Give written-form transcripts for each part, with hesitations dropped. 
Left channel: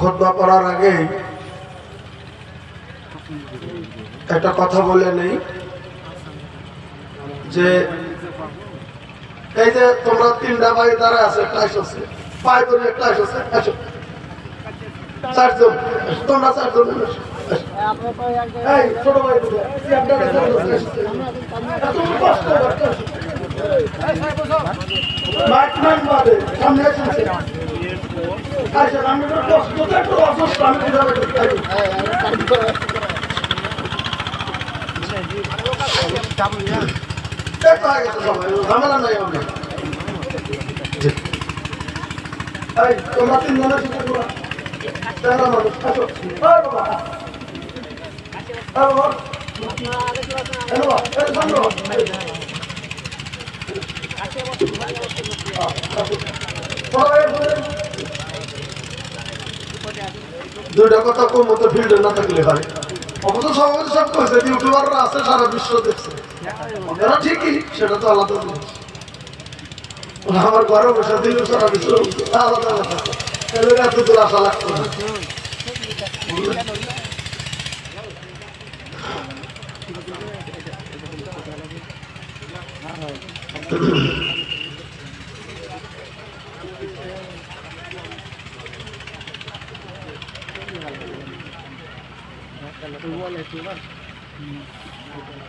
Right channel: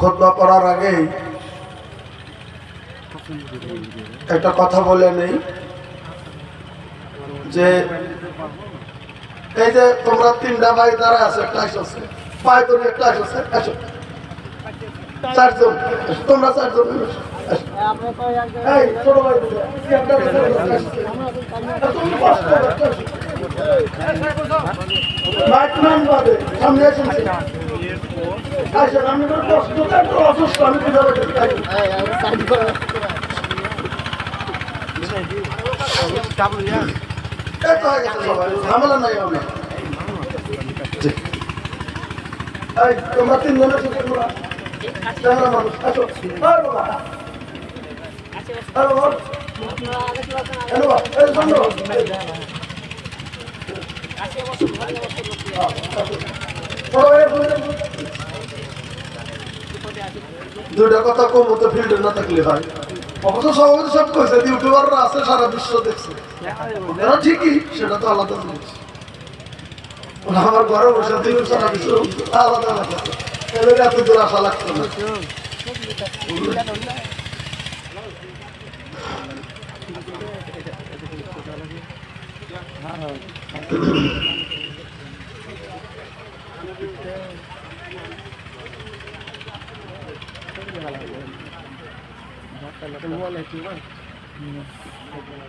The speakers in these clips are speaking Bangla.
খুতবা পড়ার আগে একটা কথা বলে নেই যে এই যে তোমরা তিনটা ভাই দ্বারা আছে ক্লাস আছে পাঁচ জনের ক্লাস আছে আসো চারজন তোমরা চারজন ছোট ভাই সামনে আসছে তোমরা তিনজনের সাথে দুইটা কথা কম মতো ফিল্ডে না থাকলে হয় অবশ্য সবাই সব করছে ইউটিউবাররা আছে সারা বিশ্ব দেখছে ঠিকই সেটা তো আলাদা জিনিস আমার ঘরে বসে দিল সারা বিশ্ব আলাদা আলাদা তাহলে এত দূর আশা লাগতো না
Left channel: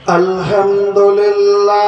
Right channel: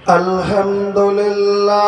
আলহামদুলিল্লাহ